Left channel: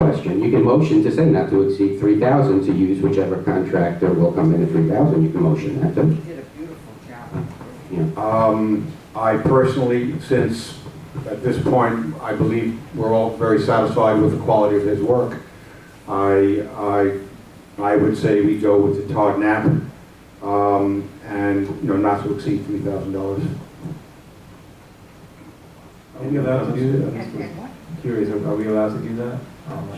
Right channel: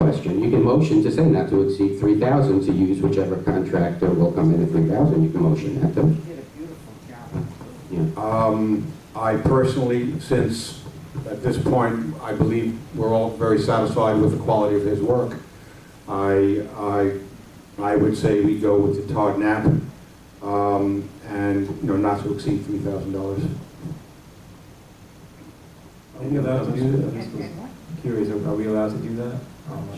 question. You can motion to say not to exceed 3,000 to use whichever contractor will come in at 3,000. You can motion that too. You did a beautiful job. Yeah. I personally, since at this point, I believe we're all very satisfied with the quality of his work, I would say we go with the Todd Knapp, and not to exceed $3,000. Are we allowed to do that? And what? Curious, are we allowed to do that?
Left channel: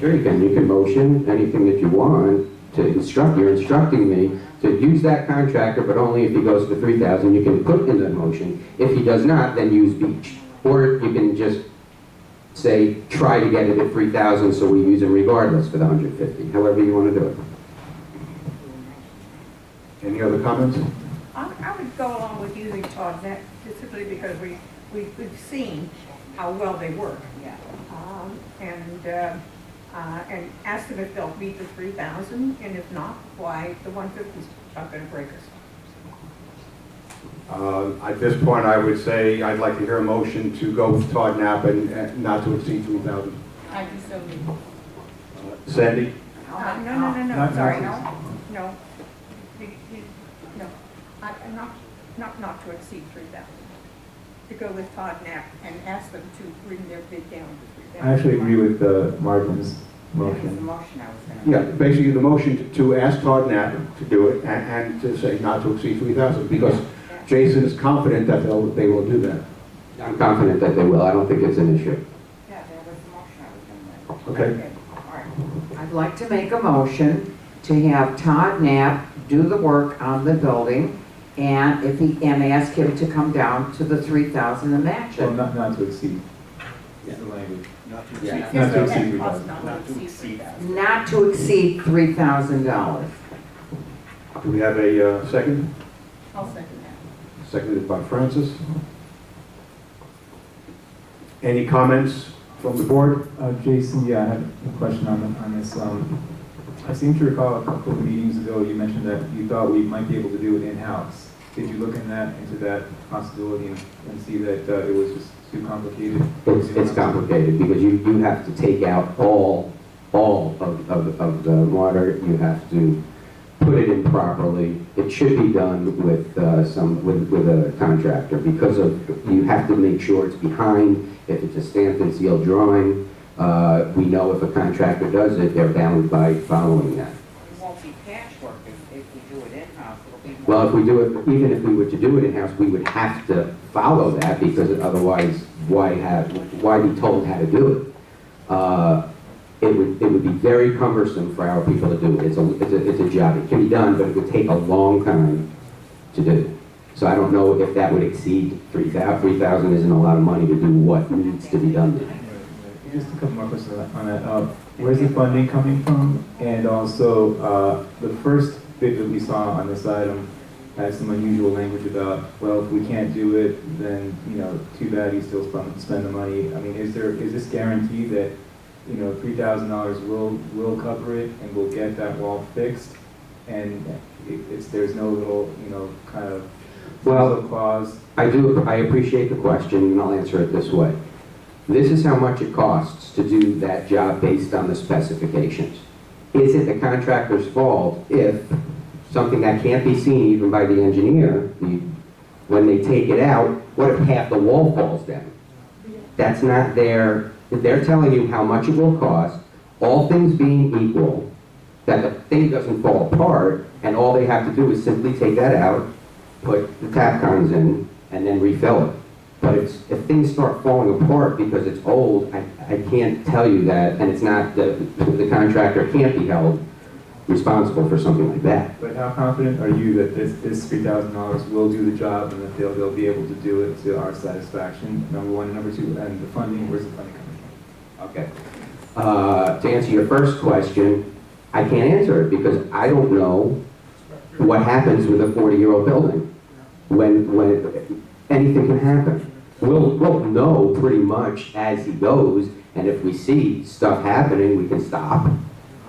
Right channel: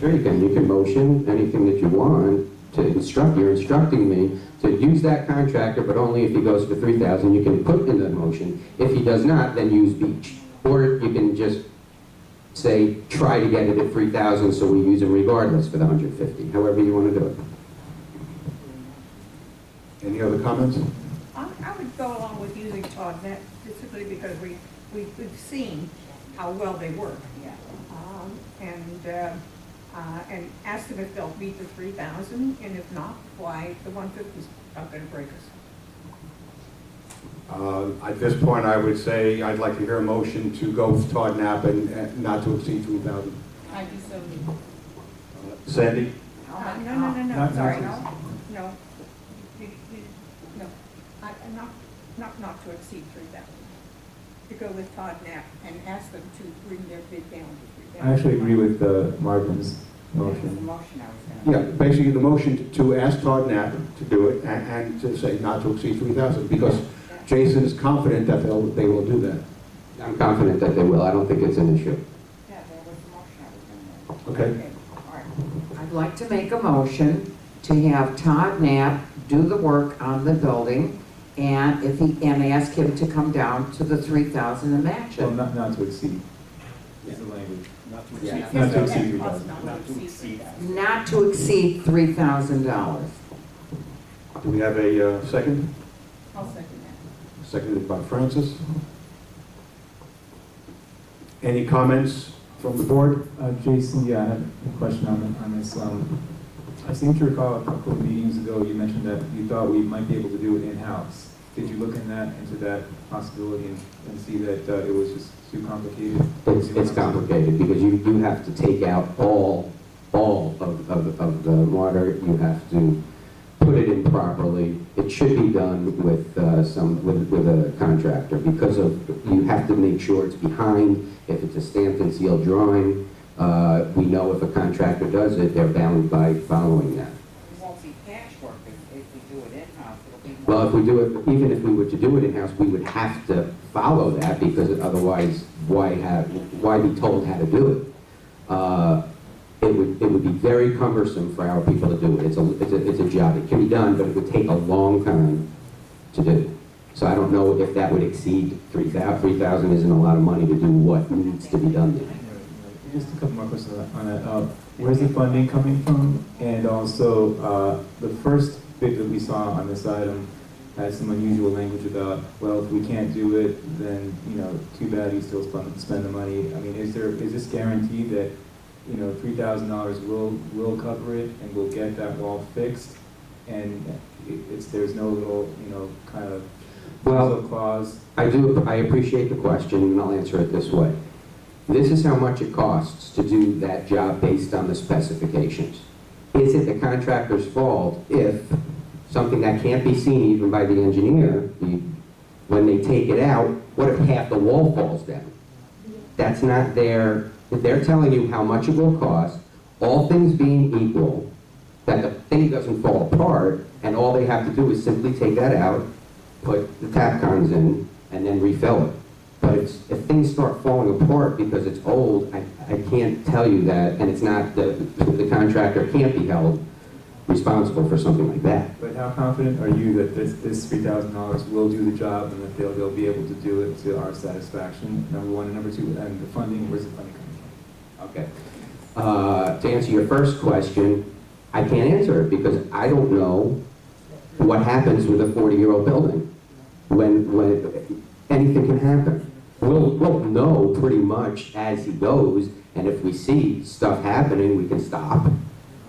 Sure, you can. You can motion anything that you want to instruct. You're instructing me to use that contractor, but only if he goes for 3,000. You can put in the motion. If he does not, then use Beach. Or you can just say, try to get it at 3,000, so we use him regardless for the 150. However you want to do it. Any other comments? I would go along with using Todd Net, simply because we've seen how well they work. Yeah. And ask them if they'll meet the 3,000, and if not, why the 150's not gonna break us. At this point, I would say I'd like to hear a motion to go with Todd Knapp and not to exceed 3,000. I do so need. Sandy? No, sorry, not no. No, not to exceed 3,000. To go with Todd Knapp and ask them to bring their bid down to 3,000. I actually agree with Marvin's That was the motion. motion I was gonna. Yeah, basically the motion to ask Todd Knapp to do it and to say not to exceed 3,000, because Jason is confident that they will do that. I'm confident that they will. I don't think it's an issue. Yeah, that was the motion I was gonna make. Okay? All right. I'd like to make a motion to have Todd Knapp do the work on the building, and ask him to come down to the 3,000 and match Well, it. not to exceed. Is the language. Not to Yeah. exceed, Not to Yes, exceed yes, 3,000. not to exceed 3,000. Not to exceed $3,000. Do we have a second? I'll second that. Seconded by Francis. Any comments from the board? Jason, yeah, I have a question on this. I seem to recall a couple of meetings ago, you mentioned that you thought we might be able to do it in-house. Did you look into that possibility and see that it was just too complicated? It's complicated because you have to take out all of the water. You have to put it in properly. It should be done with with a contractor because you have to make sure it's behind. If it's a stamped and sealed drawing, we know if a contractor does it, they're bound by following that. It won't be patchwork if we do it in-house, it'll be more. Well, if we do it, even if we were to do it in-house, we would have to follow that because otherwise, why be told how to do it? It would be very cumbersome for our people to do it. It's a job. It can be done, but it would take a long time to do. So I don't know if that would exceed 3,000. 3,000 isn't a lot of money to do what needs to be done there. Just a couple more questions on that. Where's the funding coming from? And also, the first bid that we saw on this item had some unusual language about, well, if we can't do it, then, too bad, you still spend the money. I mean, is this guarantee that, $3,000 will cover it and we'll get that wall fixed? And there's no little, kind of Well, clause? I appreciate the question, and I'll answer it this way. This is how much it costs to do that job based on the specifications. Is it the contractor's fault if something that can't be seen even by the engineer, when they take it out, what if half the wall falls down? That's not they're telling you how much it will cost, all things being equal, that the thing doesn't fall apart, and all they have to do is simply take that out, put the tap cons in, and then refill it. But if things start falling apart because it's old, I can't tell you that, and it's not, the contractor can't be held responsible for something like that. But how confident are you that this $3,000 will do the job and that they'll be able to do it to our satisfaction, number one? And number two, and the funding, where's the funding coming from? Okay. To answer your first question, I can't answer it because I don't know what happens with a 40-year-old building. When anything can happen. We'll know pretty much as he goes, and if we see stuff happening, we can stop,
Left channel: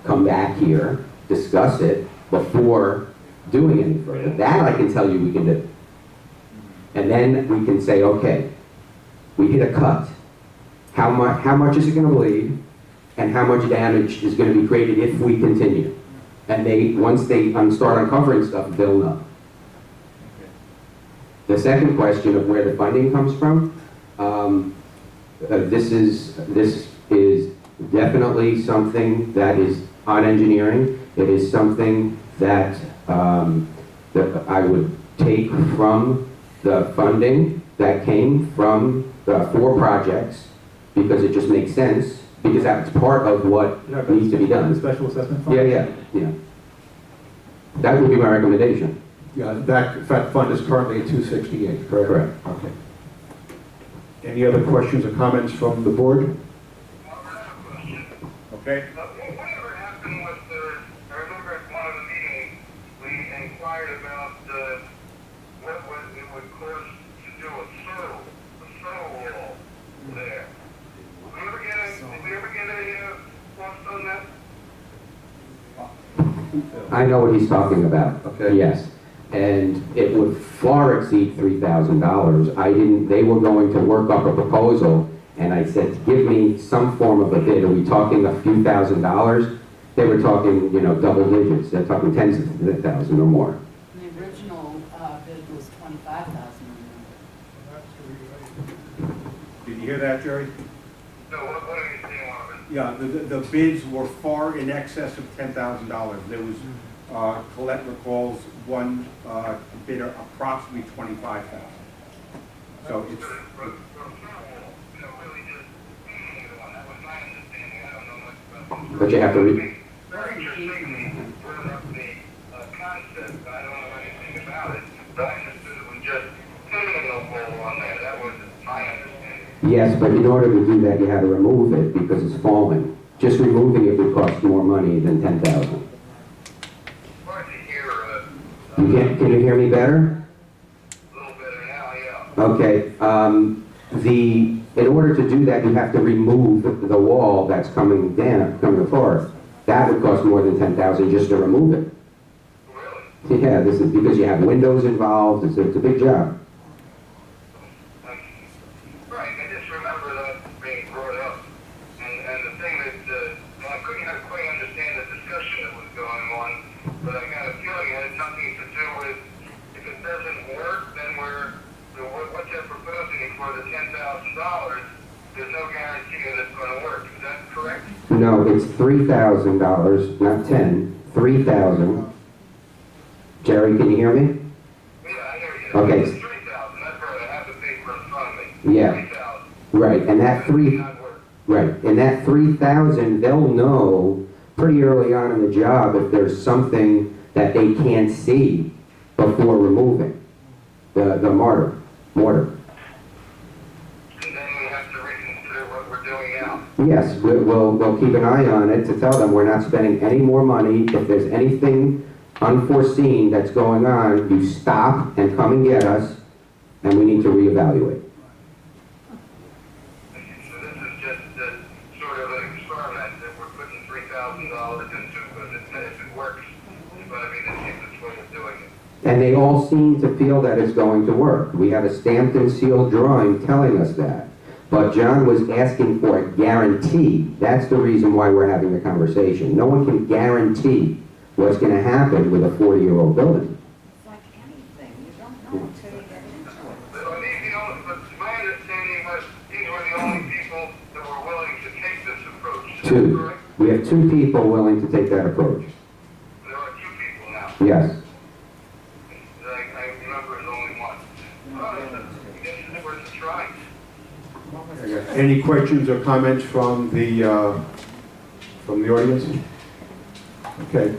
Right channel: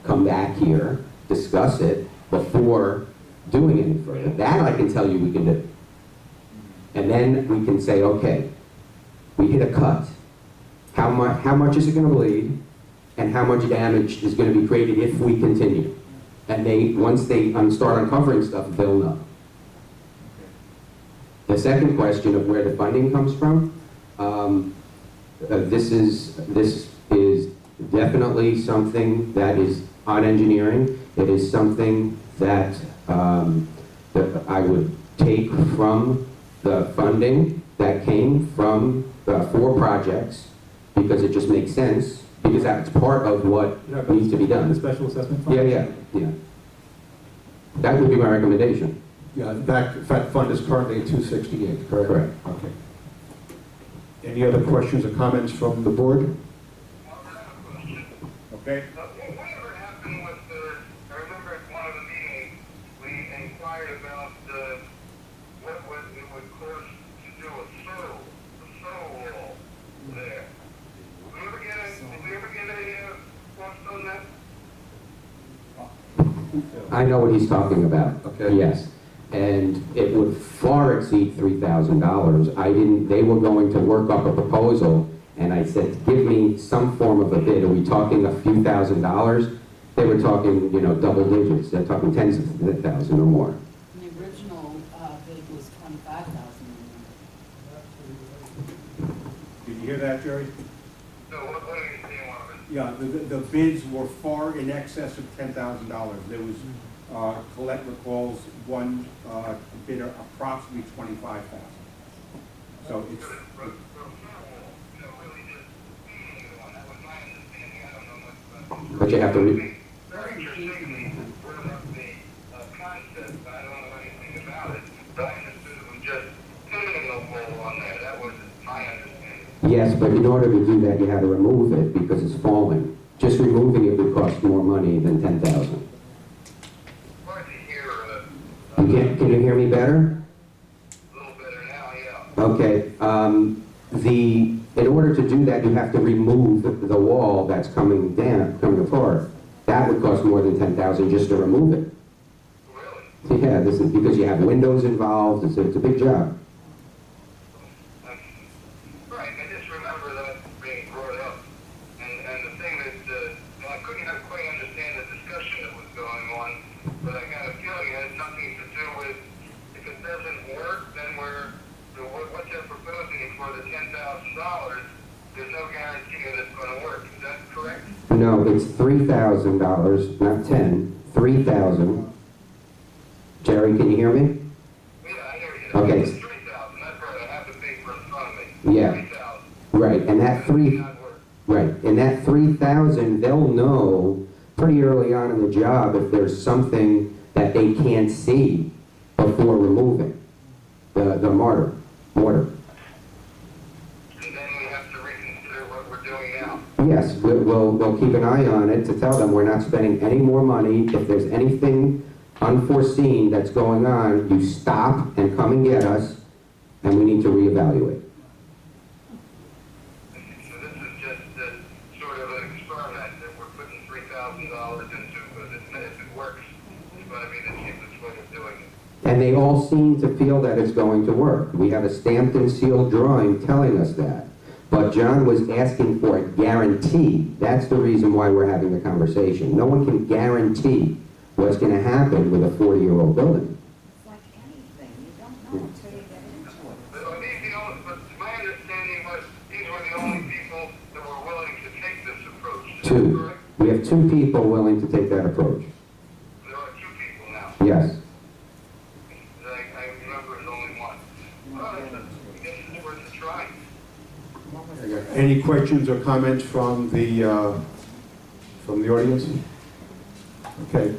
come back here, discuss it before doing any further. That I can tell you we can do. And then we can say, okay, we hit a cut. How much is it going to bleed? and how much damage is gonna be created if we continue. And once they start uncovering stuff, they'll know. The second question of where the funding comes from, this is definitely something that is on engineering. It is something that I would take from the funding that came from the 4 projects, because it just makes sense, because that's part of what needs to be The done. special assessment fund? Yeah. That would be my recommendation. Yeah, that fund is currently at 268, correct? Correct. Okay. Any other questions or comments from the board? Okay. Whatever happened with I remember at one of the meetings, we inquired about what it would cost to do a soil wall there. Did we ever get any cost on that? I know what he's talking about. Okay. Yes. And it would far exceed $3,000. They were going to work up a proposal, and I said, give me some form of a bid. Are we talking a few $1,000s? They were talking, double digits. They're talking tens of thousands or more. The original bid was 25,000. Did you hear that, Jerry? So what are you seeing on it? Yeah, the bids were far in excess of $10,000. There was, Colette recalls, one bidder approximately $25,000. So it's, Really just painting the one. That was my understanding. I don't know much about it. But you have to read. Very interesting, brought up the concept. I don't know anything about it, but I understood it was just painting a wall on there. That was my understanding. Yes, but in order to do that, you had to remove it because it's falling. Just removing it would cost more money than $10,000. Hard to hear, Can you hear me better? a little better now, yeah. Okay. In order to do that, you have to remove the wall that's coming apart. That would cost more than $10,000 just to remove it. Really? Yeah, this is because you have windows involved. It's a big job. Right, I just remember that being brought up. And the thing that, I couldn't quite understand the discussion that was going on, but I got a feeling it had something to do with, if it doesn't work, then what they're proposing for the $10,000, there's no guarantee that it's going to work. Is that correct? No, it's $3,000, not 10. 3,000. Jerry, can you hear me? Yeah, I hear you. Okay. It's 3,000, that's right, I have the paper in front of me. Yeah. 3,000. Right, and that and that 3,000, they'll know pretty early on in the job if there's something that they can't see before removing the mortar. And then we have to reconsider what we're doing now. Yes, we'll keep an eye on it to tell them we're not spending any more money. If there's anything unforeseen that's going on, you stop and come and get us, and we need to reevaluate. So this is just sort of an experiment that we're putting $3,000 into, because if it works, it's going to be the cheapest way of doing it. And they all seem to feel that it's going to work. We have a stamped and sealed drawing telling us that. But John was asking for a guarantee. That's the reason why we're having the conversation. No one can guarantee what's going to happen with a 40-year-old building. It's like anything, you don't know until you get into it. But my understanding was these were the only people that were willing to take this approach. Is that 2. correct? We have 2 people willing to take that approach. There are 2 people now. Yes. I remember it was only one. Well, I guess it's worth a try. Any questions or comments from the audience? Okay.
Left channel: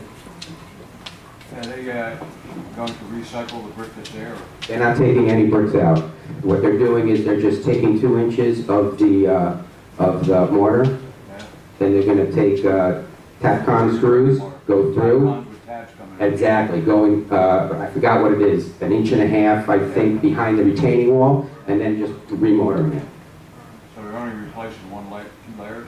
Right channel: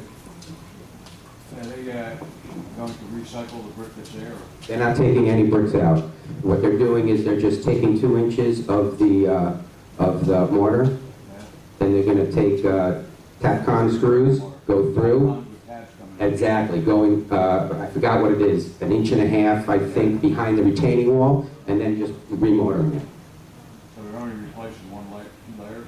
Are they going to recycle the brick that's there? They're not taking any bricks out. What they're doing is they're just taking 2 inches of the mortar. Then they're going to take Tapcon screws, go through. Exactly, going, I forgot what it is, 1.5 inches, I think, behind the retaining wall, and then just remortaring it. So they're only replacing 2 layers?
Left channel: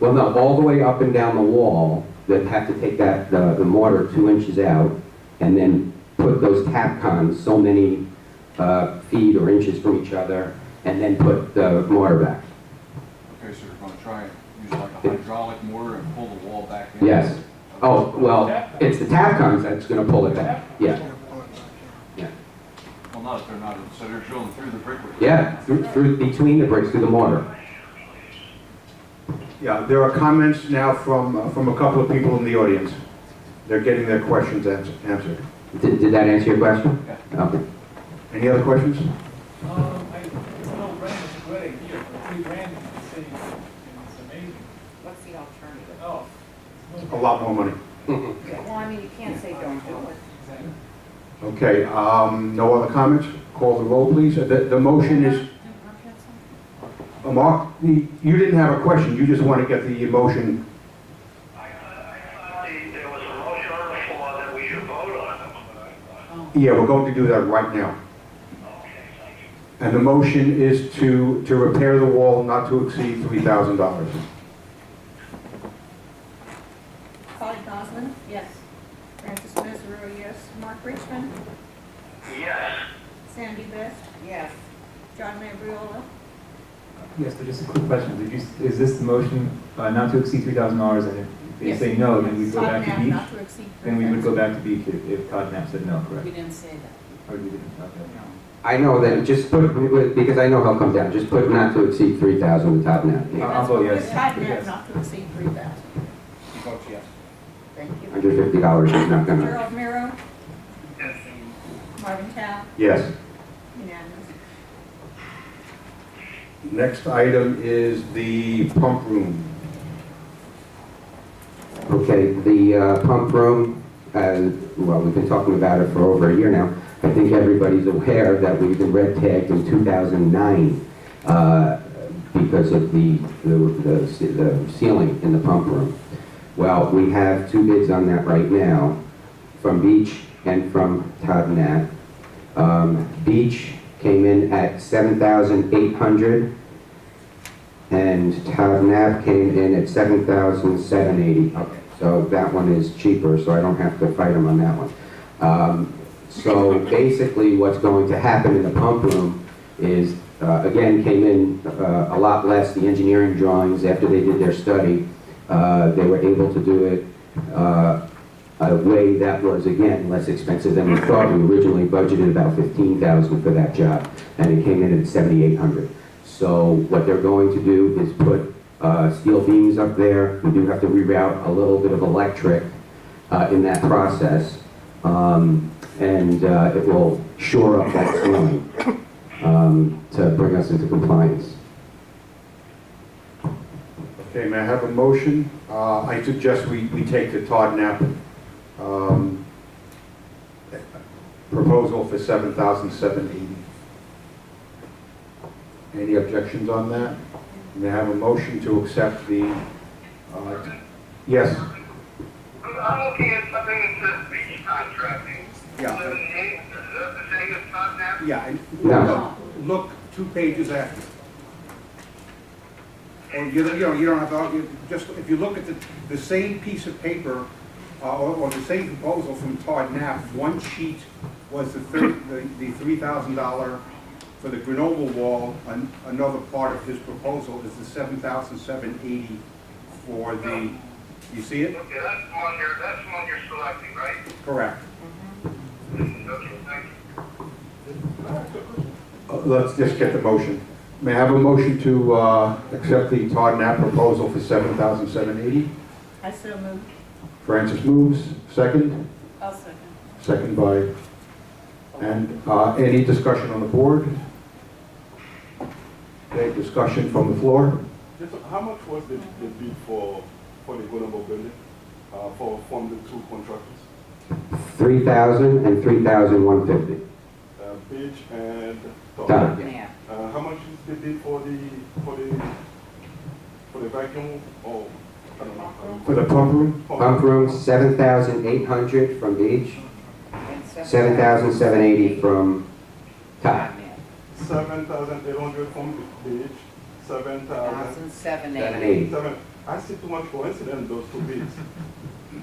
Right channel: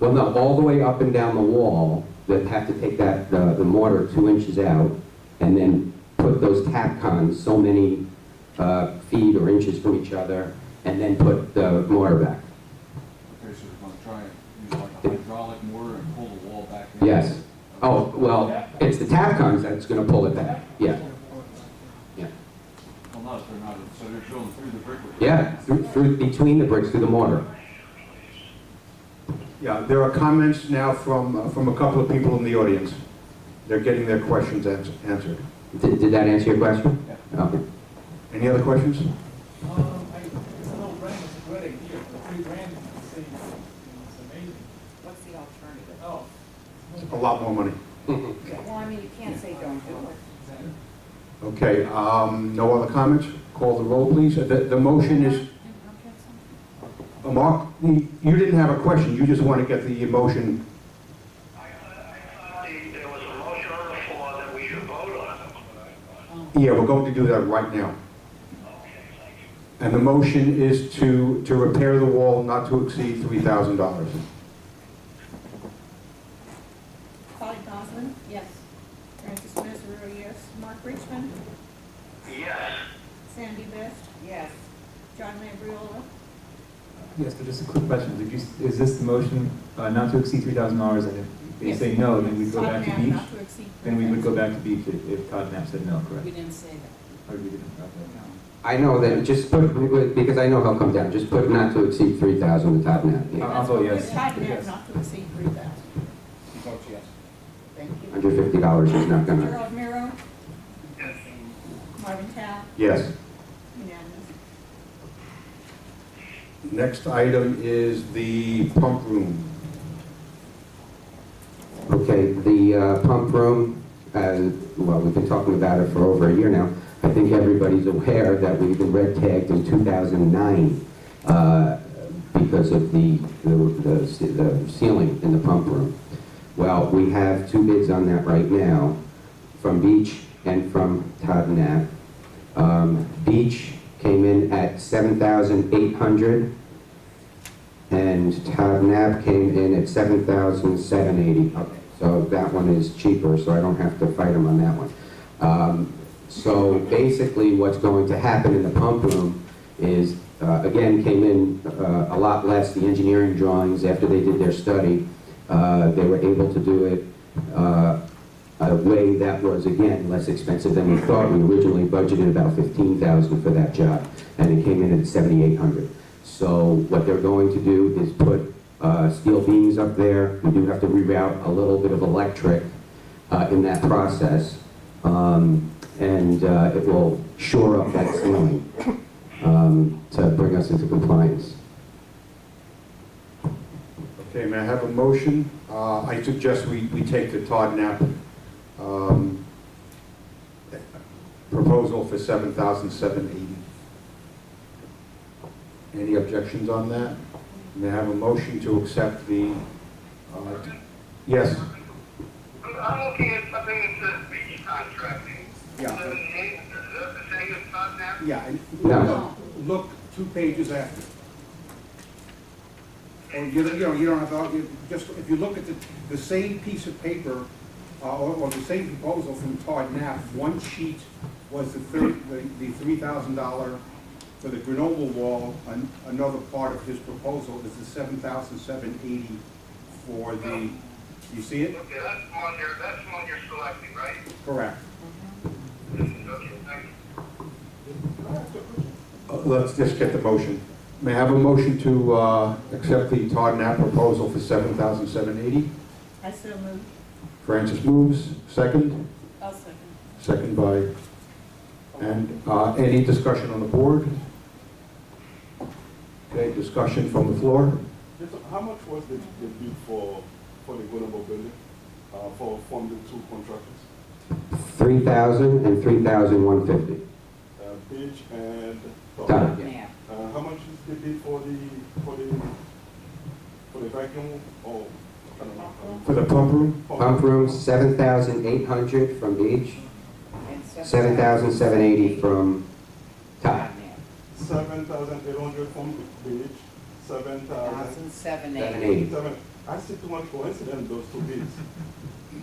Well, no, all the way up and down the wall, they have to take that, the mortar 2 inches out, and then put those Tapcons so many feet or inches from each other, and then put the mortar back. Okay, so they're going to try and use like a hydraulic motor and pull the wall back in? Yes. Oh, well, it's the tap comes that's gonna pull it back, yeah. Yeah, Well, no, they're not, so they're drilling through the brickwork. yeah, through, between the bricks, through the mortar. Yeah, there are comments now from a couple of people in the audience. They're getting their questions answered. Did that answer your question? Yeah. Okay. Any other questions? I know rent is a good idea, but $3 grand in the city is amazing. What's the alternative? Oh. A lot more money. Well, I mean, you can't say don't do it. Exactly. Okay, no other comments? Call the roll, please. The motion is, Mark, you didn't have a question, you just want to get the motion. I thought there was a motion on the floor that we should vote on. Yeah, we're going to do that right now. Okay, thank you. And the motion is to repair the wall not to exceed $3,000. Polly Goslin, Yes. Francis Mesorowski, yes. Mark Richmond, Yes. Sandy Best, Yes. John Mambriola, Yes, but just a quick question. Is this the motion not to exceed $3,000, and if they Yes. say no, then we go Todd back to Knapp, beach? not to exceed Then we would go 3,000. back to beach if Todd Knapp said no, We correct? didn't say that. Or we didn't, okay. I know that, just put, because I know he'll come down, just put not to exceed 3,000 with Todd Knapp. I'll vote yes. With Todd Knapp, Yes. not to exceed 3,000. He votes yes. Thank you. $150 is not gonna, Gerald Miro, Marvin Tao, Yes. unanimous. Next item is the pump room. okay, the pump room, well, we've been talking about it for over a year now. I think everybody's aware that we've been red tagged in 2009 because of the ceiling in the pump room. Well, we have two bids on that right now, from Beach and from Todd Knapp. Beach came in at $7,800, and Todd Knapp came in at $7,780. Okay, so that one is cheaper, so I don't have to fight him on that one. So basically, what's going to happen in the pump room is, again, came in a lot less. The engineering drawings, after they did their study, they were able to do it a way that was, again, less expensive than we thought. We originally budgeted about $15,000 for that job, and it came in at $7,800. So what they're going to do is put steel beams up there. We do have to reroute a little bit of electric in that process, and it will shore up that ceiling to bring us into compliance. Okay, may I have a motion? I suggest we take the Todd Knapp proposal for $7,780. Any objections on that? May I have a motion to accept the, yes? I'm looking at something that says beach contracting. Yeah. Is that the same as Todd Knapp? Yeah, No. look 2 pages after. Or you don't have to, just, if you look at the same piece of paper, or the same proposal from Todd Knapp, one sheet was the $3,000 for the Grenoble wall, another part of his proposal is the $7,780 for the, you see it? Okay, that's the one you're selecting, right? Correct. Okay, thank you. Let's just get the motion. May I have a motion to accept the Todd Knapp proposal for $7,780? I so moved. Francis moves, second. I'll second. Second by, and any discussion on the board? Okay, discussion from the floor? Yes, how much was the bid for the Grenoble building, from the 2 contractors? $3,000 and $3,150. Page and Todd. Todd. Yeah. How much is the bid for the vacuum, or, I don't know? For the pump room? Pump room, $7,800 from Beach, And $7,780 from Todd. 7,800 from the page, 7,000. 7,780. 7. I see too much coincidence in those 2 bids.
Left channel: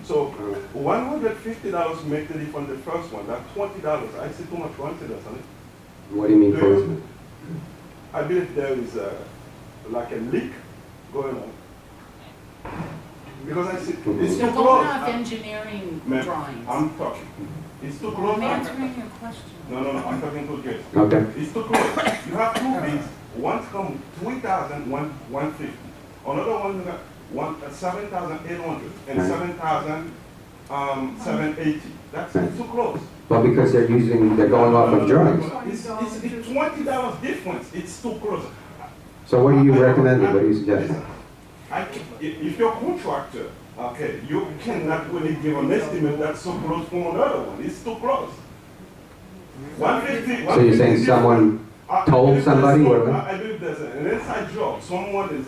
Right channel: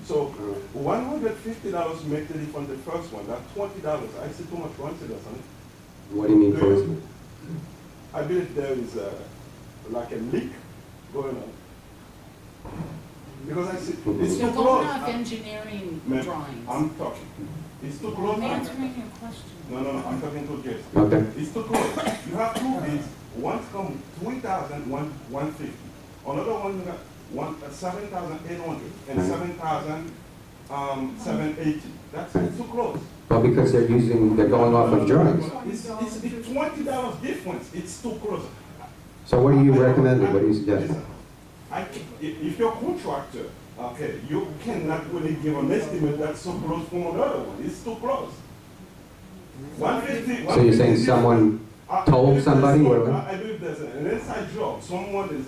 So $150 make the difference the first one. That's $20. I see too much coincidence on it. What do you mean, coincidence? I believe there is like a leak going on. Because I see, it's too You're close. going off engineering Ma'am, drawings. I'm talking. It's too close. I'm answering your question. No, I'm talking to Jess. Okay. It's too close. You have two bids, one's come 3,000, 150. Another one got 7,800 and Right. 7,780. That's it's too close. Well, because they're going off of drawings. It's $20 difference. It's too close. So what do you recommend? What do you suggest? Listen, if you're a contractor, okay, you cannot really give an estimate that's so close from another one. It's too close. 150. So you're saying someone told somebody? I believe there's an inside job. Someone is.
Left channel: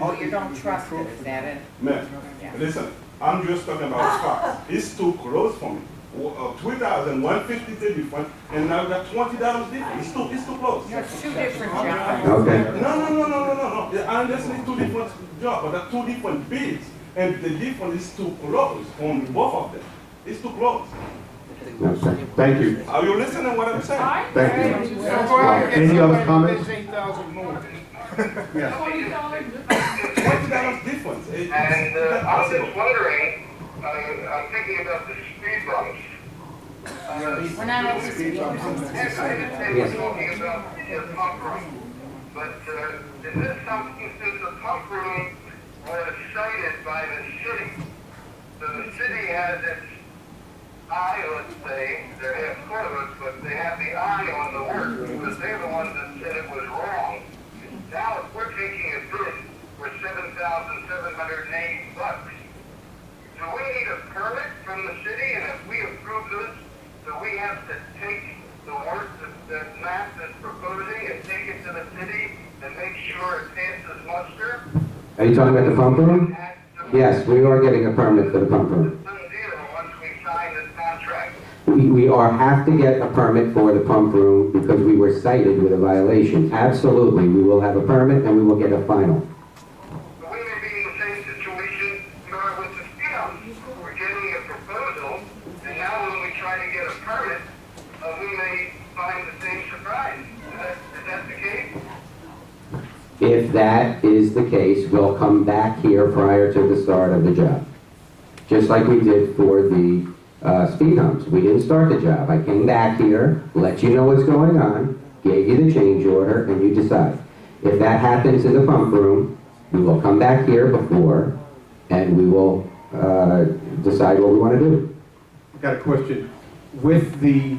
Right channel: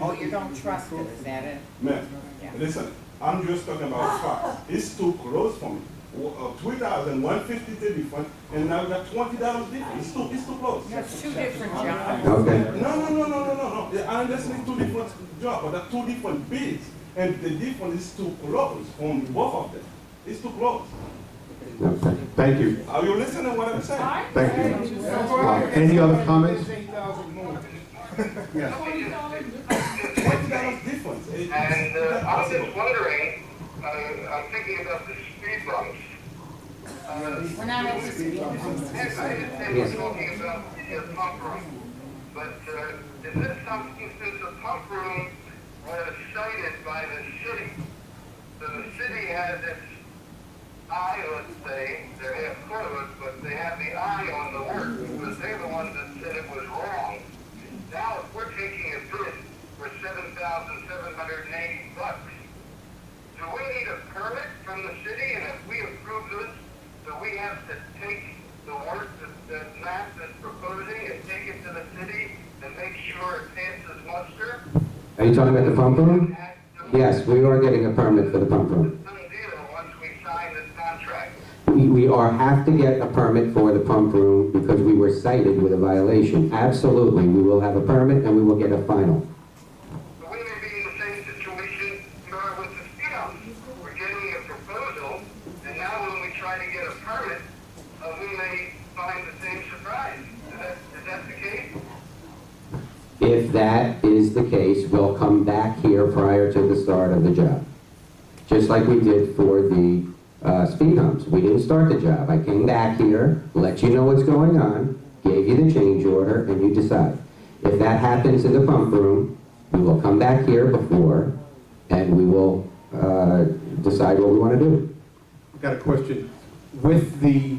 Oh, you don't trust it, is that it? Man, Yeah. listen, I'm just talking about facts. It's too close for me. 2,150 the difference, and now we got $20 difference. It's too close. That's two different jobs. Okay. No. I understand two different jobs, but they're two different bids, and the difference is too close from both of them. It's too close. Okay. Thank you. Are you listening to what I'm saying? Thank you. Any other comments? Yes. $20 difference. And I was just wondering, I'm thinking about the speed bumps. We're not at the speed bumps. I understand you're talking about the pump room, but is this something, since the pump room was cited by the city, so the city has its eye, let's say, they're half closed, but they have the eye on the work, because they're the ones that said it was wrong. Now, if we're taking a bid for $7,780, do we need a permit from the city? And if we approve this, do we have to take the work that Matt is proposing and take it to the city and make sure it passes muster? Are you talking about the pump room? Yes, we are getting a permit for the pump room. Done deal once we sign this contract. We have to get a permit for the pump room because we were cited with a violation. Absolutely, we will have a permit and we will get a final. But we may be in the same situation we are with the speed humps. We're getting a proposal, and now when we try to get a permit, we may find the same surprise. Is that the case? If that is the case, we'll come back here prior to the start of the job. Just like we did for the speed humps. We didn't start the job. I came back here, let you know what's going on, gave you the change order, and you decide. If that happens in the pump room, we will come back here before, and we will decide what we want to do. I've got a question. With the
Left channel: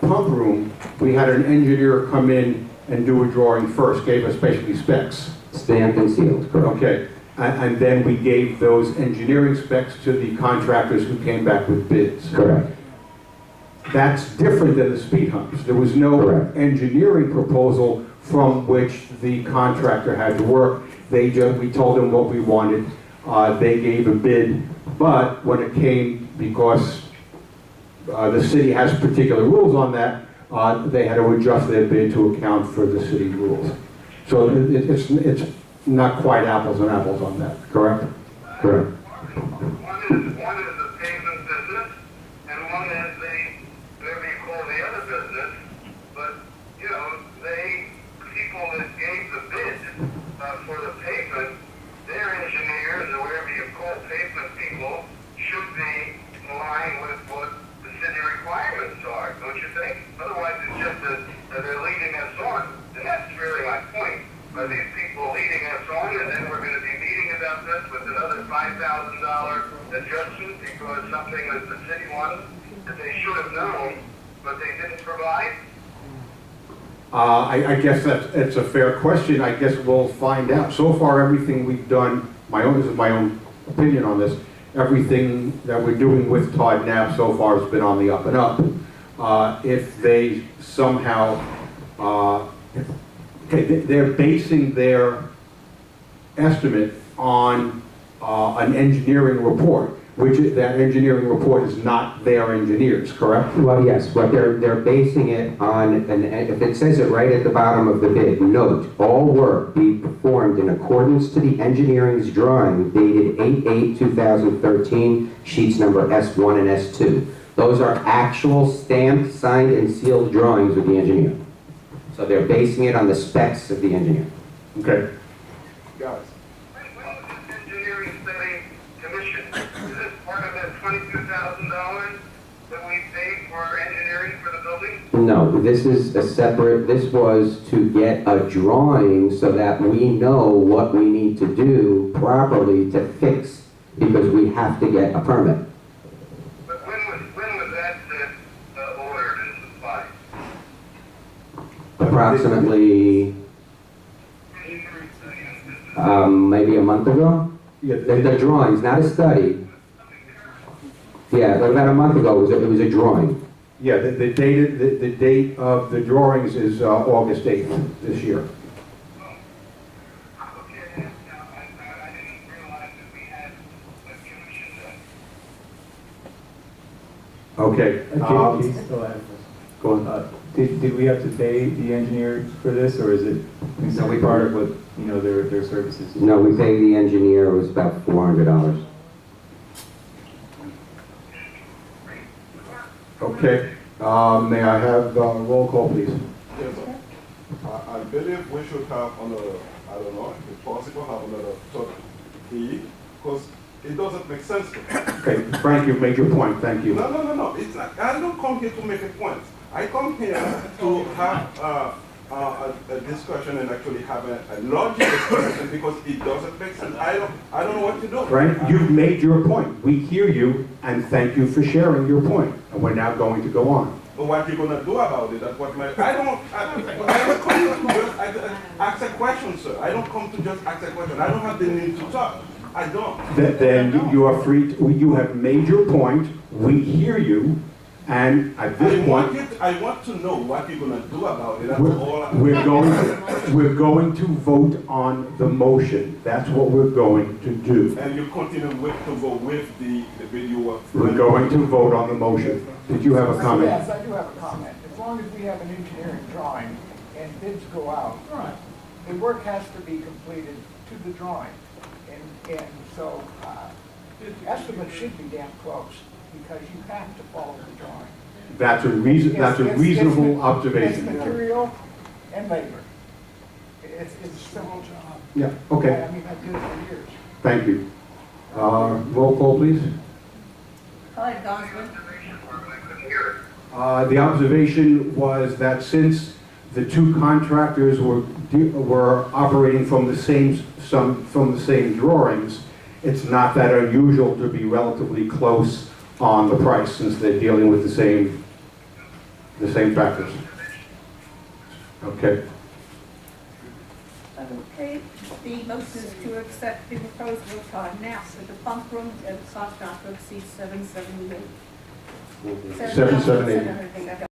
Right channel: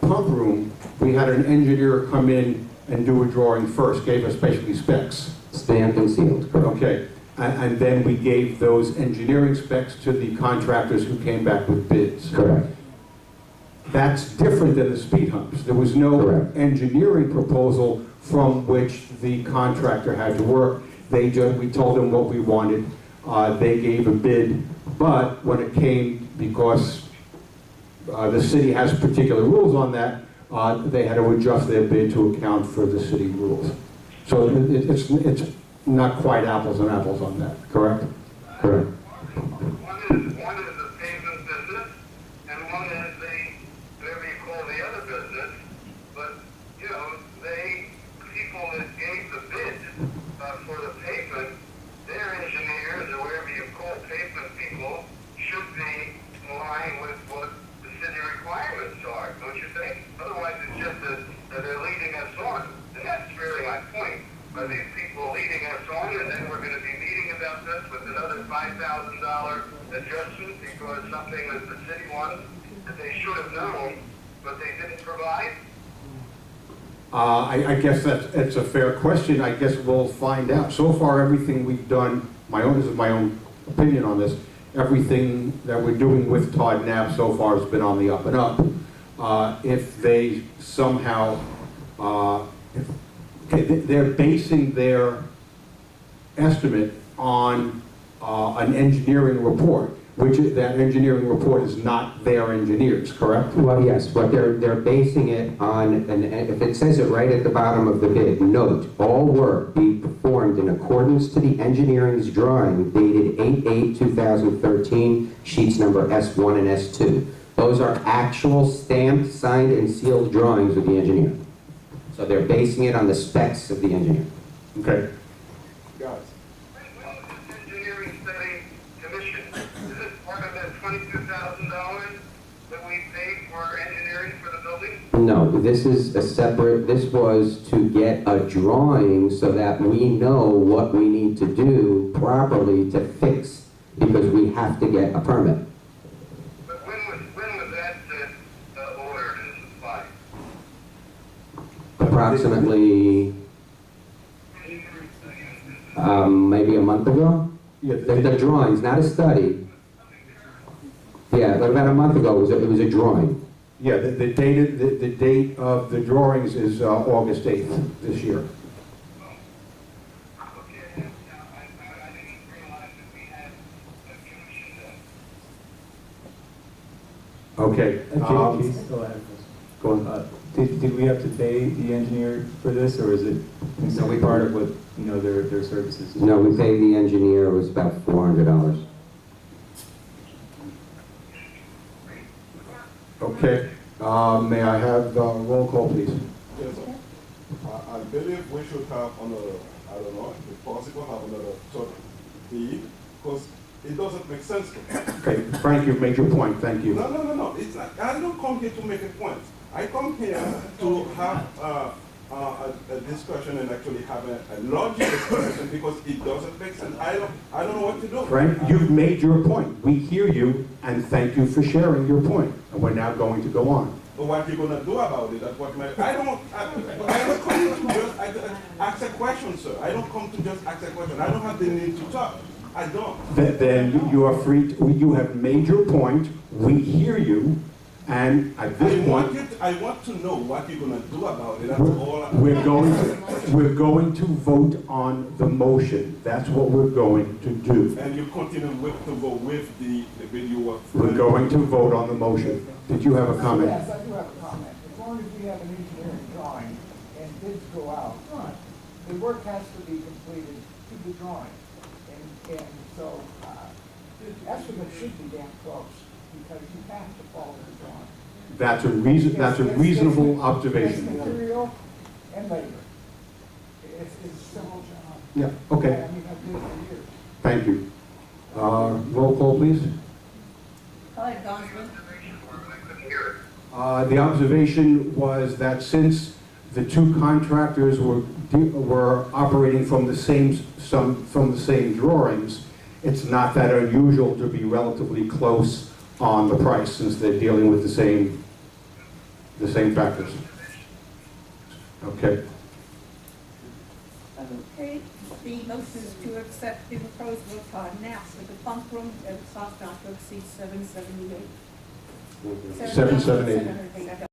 pump room, we had an engineer come in and do a drawing first, gave us basically specs. Stamped and sealed, correct? Okay, and then we gave those engineering specs to the contractors who came back with bids. Correct. That's different than the speed humps. There was no Correct. engineering proposal from which the contractor had to work. We told them what we wanted. They gave a bid, but when it came, because the city has particular rules on that, they had to adjust their bid to account for the city rules. So it's not quite apples and apples on that, correct? Correct. One is the pavement business, and one is the, whatever you call the other business. But, you know, people that gave the bid for the pavement, their engineers, or whatever you call pavement people, should be in line with what the city requirements are, don't you think? Otherwise, it's just that they're leading us on, and that's really my point. Are these people leading us on, and then we're going to be meeting about this with another $5,000 adjustment because something that the city wanted that they should have known, but they didn't provide? I guess it's a fair question. I guess we'll find out. So far, everything we've done, this is my own opinion on this, everything that we're doing with Todd Knapp so far has been on the up and up. If they somehow, they're basing their estimate on an engineering report, which that engineering report is not their engineers, correct? Well, yes, but they're basing it on, and if it says it right at the bottom of the bid, note, all work be performed in accordance to the engineering's drawing dated 8/8/2013, sheets number S1 and S2. Those are actual stamped, signed, and sealed drawings with the engineer. So they're basing it on the specs of the engineer. Okay. Guys, When was this question. Is this part of that $22,000 that we paid for engineering for the building? No, this is a separate, this was to get a drawing so that we know what we need to do properly to fix, because we have to get a permit. But when was that ordered and supplied? Approximately, maybe a month ago? Yeah, The drawings, not a study. Yeah, but about a month ago, it was a drawing. yeah, the date of the drawings is August 8th this year. Okay, I didn't realize that we had a commission then. Okay. Keith, oh, I have a question. Go on. Did we have to pay the engineer for this, or is it simply part of what, their services? No, we paid the engineer, it was about $400. Okay. May I have roll call, please? Yes, sir. I believe we should have another, I don't know, if possible, have another third fee, because it doesn't make sense to me. Okay, Frank, you've made your point. Thank you. No, it's not, I don't come here to make a point. I come here to have a discussion and actually have a logical discussion, because it doesn't make sense. I don't know what to do. Frank, you've made your point. We hear you, and thank you for sharing your point. And we're now going to go on. What you gonna do about it? That's what my, I don't come to just ask a question, sir. I don't come to just ask a question. I don't have the need to talk. I don't. Then you are free, you have made your point. We hear you. And at this point, I want to know what you're gonna do about it. That's all. we're going to vote on the motion. That's what we're going to do. And you continue to go with the video. We're going to vote on the motion. Did you have a comment? Yes, I do have a comment. As long as we have an engineering drawing and bids go out, the work has to be completed to the drawing. And so, estimates should be damn close, because you have to follow the drawing. That's a reasonable observation. It's material and labor. It's a simple job. Yeah, okay. I mean, I've did it for years. Thank you. Roll call, please. Clyde Gosman. The observation was that since the two contractors were operating from the same drawings, it's not that unusual to be relatively close on the price, since they're dealing with the same factors. Okay. Okay, the motion is to accept the proposal of Todd Knapp for the bunk room at a cost not to exceed $778. $778.